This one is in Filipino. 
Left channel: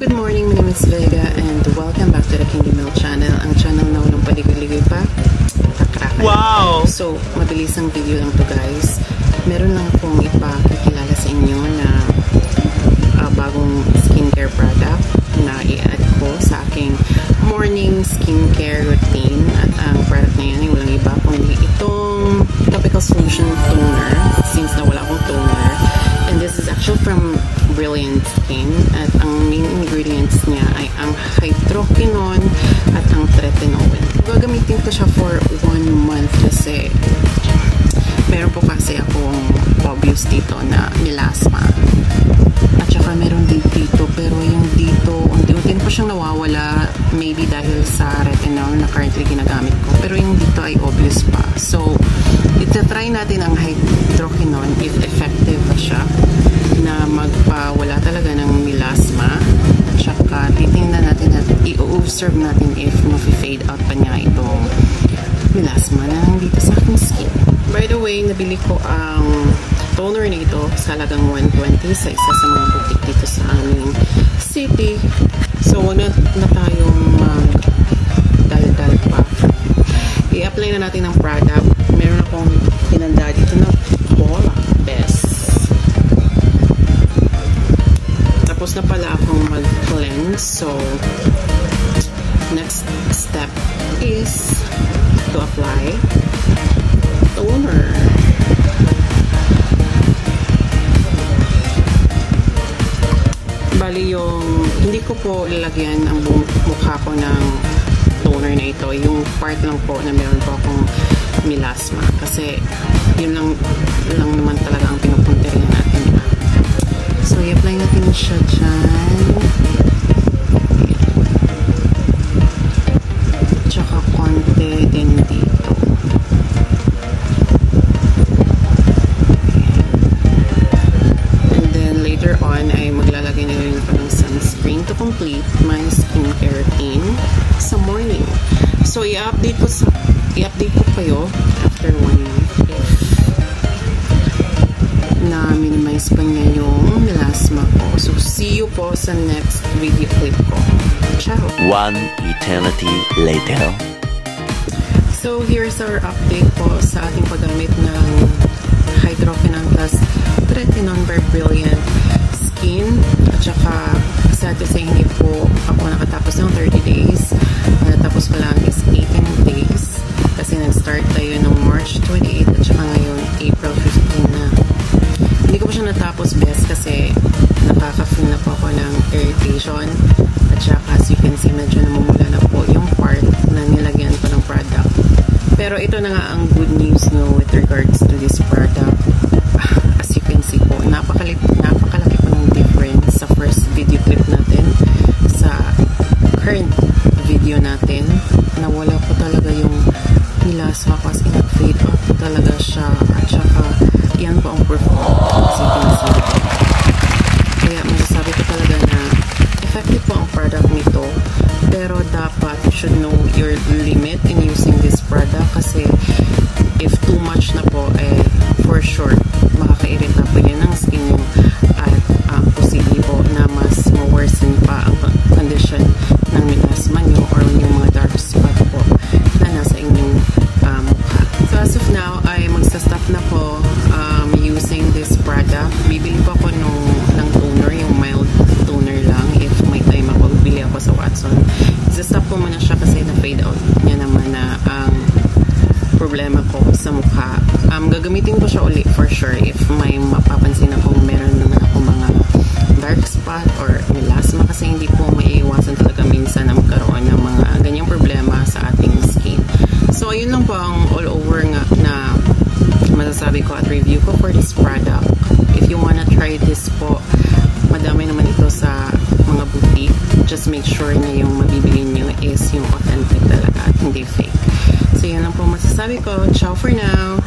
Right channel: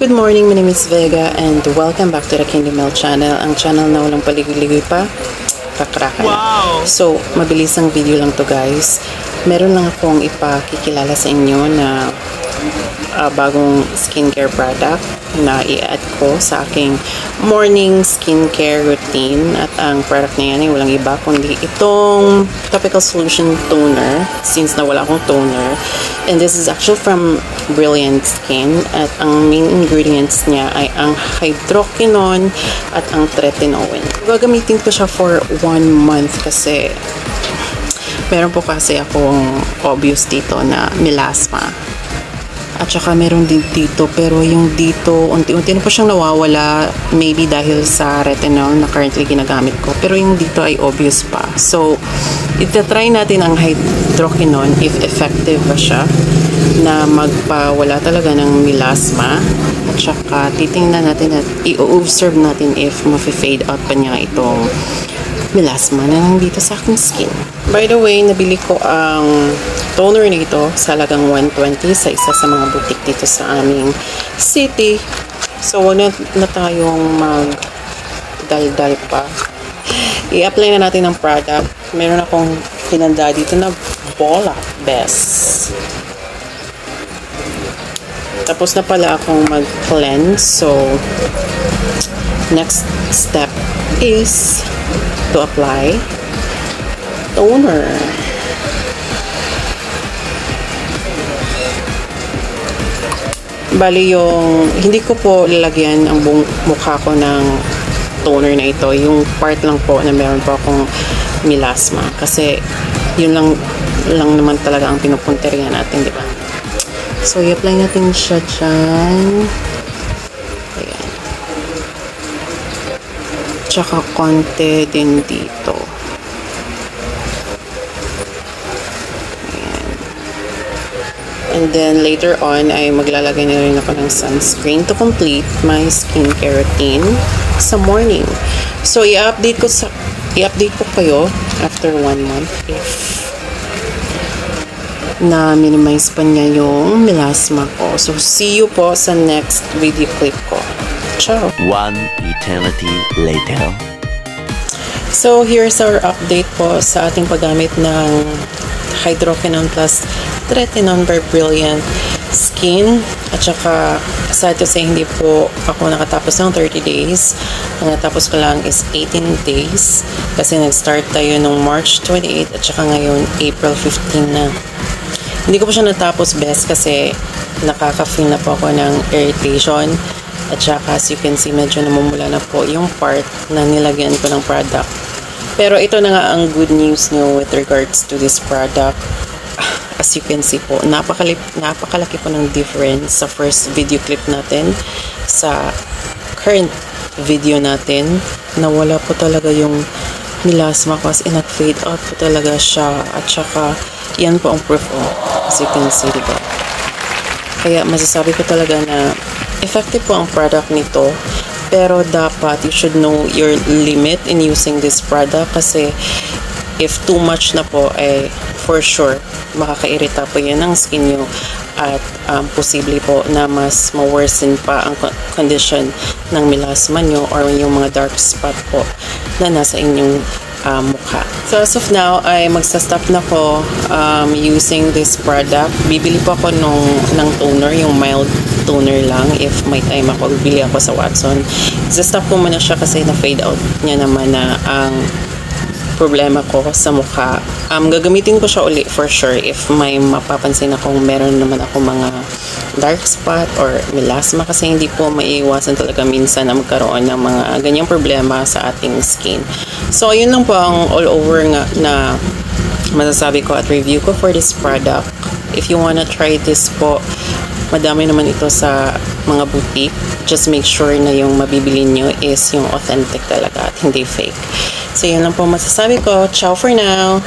Good morning, my name is Vega and welcome back to the Candy Mel channel. Ang channel na walang paligoy-ligoy pa, kakrakan. Wow! So, mabilis ang video lang to guys. Meron lang akong ipakikilala sa inyo na bagong skincare product na i-add ko sa aking morning skincare routine. At ang product na yan ay walang iba kundi itong Topical Solution Toner, since na wala akong toner. And this is actually from Brilliant Skin. At ang main ingredients niya ay ang hydroquinone at ang tretinoin. Gagamitin ko siya for 1 month kasi meron po kasi akong obvious dito na melasma. At saka meron din dito, pero yung dito, unti-unti na po siyang nawawala, maybe dahil sa retinol na currently ginagamit ko. Pero yung dito ay obvious pa. So, itatry natin ang hydroquinone if effective ba siya na magpawala talaga ng melasma. At saka titingnan natin at i-observe natin if mafe-fade out pa niya itong melasma na nandito sa aking skin. By the way, nabili ko ang toner nito sa halagang 120 sa isa sa mga boutique dito sa aming city. So, wag na tayong mag-dal-dal pa. I-apply na natin ang product. Meron akong pinanda dito na Bola Best. Tapos na pala akong mag-cleanse. So, next step is to apply toner. Bali yung, hindi ko po lalagyan ang buong mukha ko ng toner na ito. Yung part lang po na meron po akong melasma. Kasi yun lang naman talaga ang pinupunterihan natin, di ba? So, i-apply natin siya dyan. Ayan. Tsaka konti din dito. And then later on ay maglalagay na rin ako ng sunscreen to complete my skincare routine sa morning. So i-update ko kayo after 1 month if na minimize pa niya yung melasma ko. So see you po sa next video clip ko. Ciao! 1 eternity later. So here's our update po sa ating paggamit ng hydroquinone plus tretinoin by Brilliant Skin. At saka, sad to say, hindi po ako nakatapos ng 30 days. Ang natapos ko lang is 18 days. Kasi nag-start tayo nung March 28 at saka ngayon April 15 na. Hindi ko pa siya natapos best kasi nakaka-feel na po ako ng irritation. At saka, as you can see, medyo namumula na po yung part na nilagyan ko ng product. Pero ito na nga ang good news nyo with regards to this product. As you can see po, napakalaki po ng difference sa first video clip natin sa current video natin. Nawala po talaga yung melasma ko, as in nag-fade out po talaga siya. At saka, yan po ang proof mo. As you can see, diba? Kaya masasabi ko talaga na effective po ang product nito. Pero dapat you should know your limit in using this product kasi if too much na po ay for sure makakairita po yan ang skin nyo at posible po na mas ma-worsen pa ang condition ng melasma nyo or yung mga dark spot po na nasa inyong mukha. So as of now ay magsa-stop na po using this product. Bibili po ako ng toner, yung mild toner lang if may time ako. Bibili ako sa Watson. Isa-stop ko muna siya kasi na-fade out niya naman na ang problema ko sa mukha. Gagamitin ko siya ulit for sure if may mapapansin akong meron naman ako mga dark spot or melasma kasi hindi po maiiwasan talaga minsan na magkaroon ng mga ganyang problema sa ating skin. So, yun lang po ang all over nga na masasabi ko at review ko for this product. If you wanna try this po, madami naman ito sa mga boutique. Just make sure na yung mabibili nyo is yung authentic talaga at hindi fake. So, yun lang po masasabi ko. Ciao for now!